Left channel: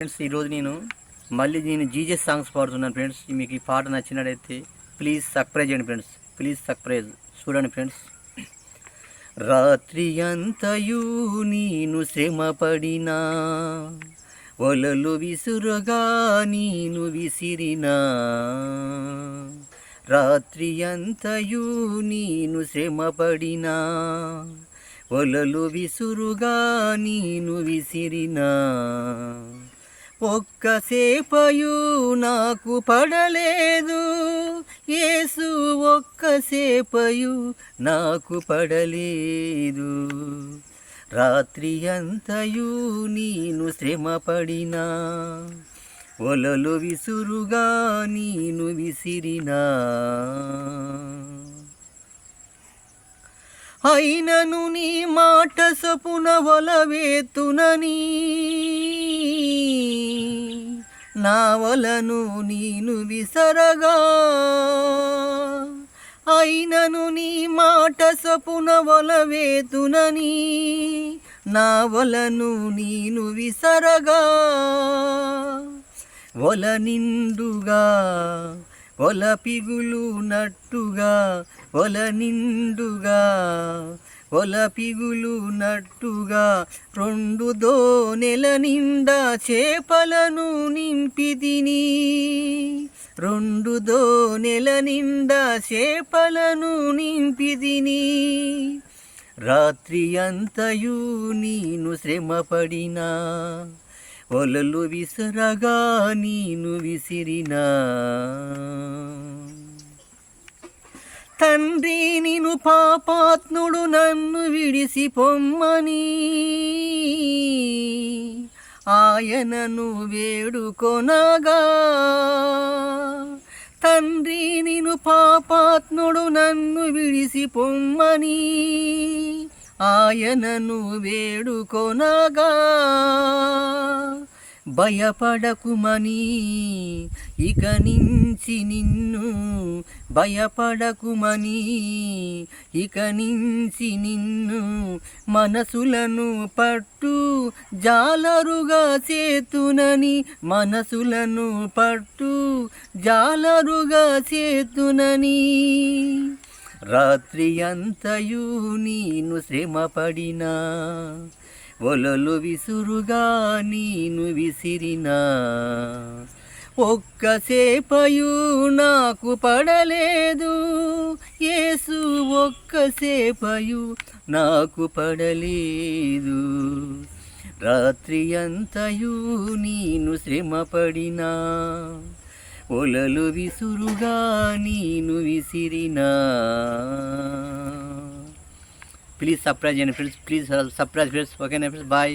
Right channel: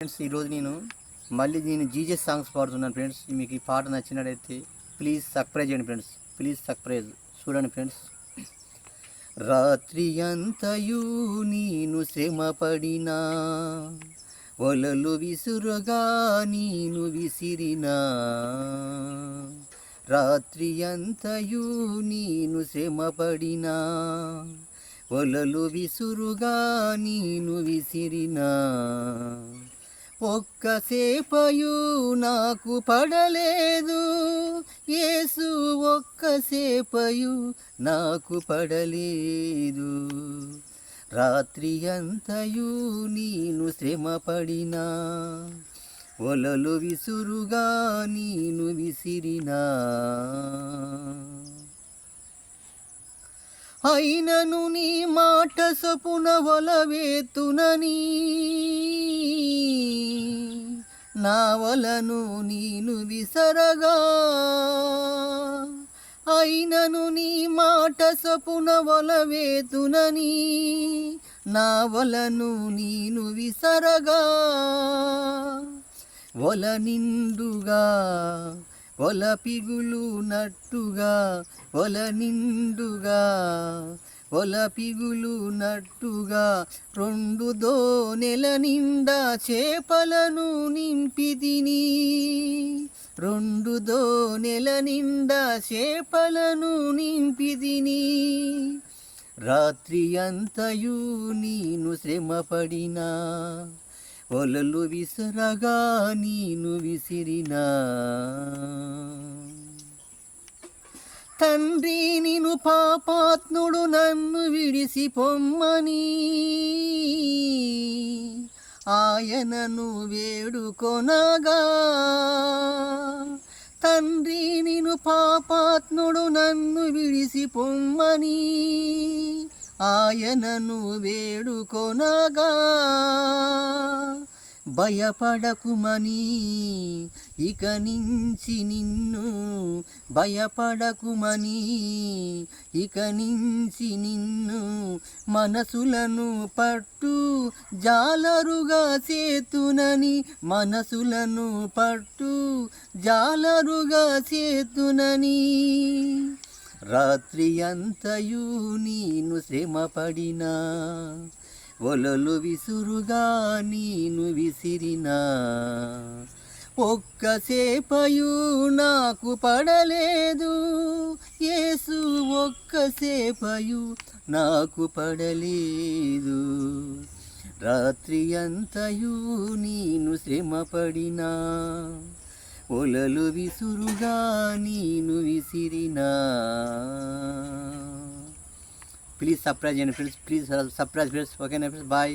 Friends ఈరోజు నేను మళ్ళీ నేను జీజస్ సాంగ్స్ పాడుతున్నాను ఫ్రెండ్స్. మీకు ఈ పాట నచ్చినట్టయితే ప్లీజ్ సర్ప్రైజ్ చేయండి ఫ్రెండ్స్. ప్లీజ్ సర్ప్రైజ్ చూడండి ఫ్రెండ్స్. రాత్రి అంతయు నేను శ్రమపడినా ఒలలు విసురుగా నేను విసిరినా. రాత్రి అంతయు నేను శ్రమపడినా ఒలలు విసురుగా నేను విసిరినా. ఒక్కసేపయు నాకు పడలేదు. యేసు ఒక్కసేపయు నాకు పడలేదు. రాత్రి అంతయు నేను శ్రమపడినా ఒలలు విసురుగా నేను విసిరినా. అయినను నీ మాట సపున వలవేతునని నా. వలను నేను విసరగా. అయినను నీ మాట సపున వలవేతునని నా వలను నేను విసరగా. వల నిండుగా వల పిగులు నట్టుగా వల నిండుగా వల పిగులు నట్టుగా రెండు దోనెల నిండా చేపలను నింపి తిని. రెండు దోనెల నిండా చేపలను నింపి తిని. రాత్రి అంతయు నేను శ్రమపడినా ఒలలు విసరగా నేను విసిరినా. తండ్రి నిను పాపాత్ముడు నన్ను విడిసి పొమ్మని. ఆయనను వేడుకొనగా తండ్రి నిను పాపాత్ముడు నన్ను విడిసి పొమ్మని. ఆయనను వేడుకొనగా భయపడకుమని ఇక నుంచి నిన్ను భయపడకుమని ఇక నుంచి నిన్ను మనసులను పట్టు జాలరుగా చేతునని మనసులను పట్టు జాలరుగా చేతునని రాత్రి అంతయు నేను శ్రమపడినా ఒలలు విసురుగా నేను విసిరినా. ఒక్కసేపయు నాకు పడలేదు. యేసు ఒక్కసేపయు నాకు పడలేదు. రాత్రి అంతయు నేను శ్రమపడినా ఒలలు విసురుగా నేను విసిరినా. ప్లీజ్ సర్ప్రైజ్ చేయండి ఫ్రెండ్స్ ప్లీజ్ సర్ప్రైజ్ ఫ్రెండ్స్ ఓకేనా ఫ్రెండ్స్ బాయ్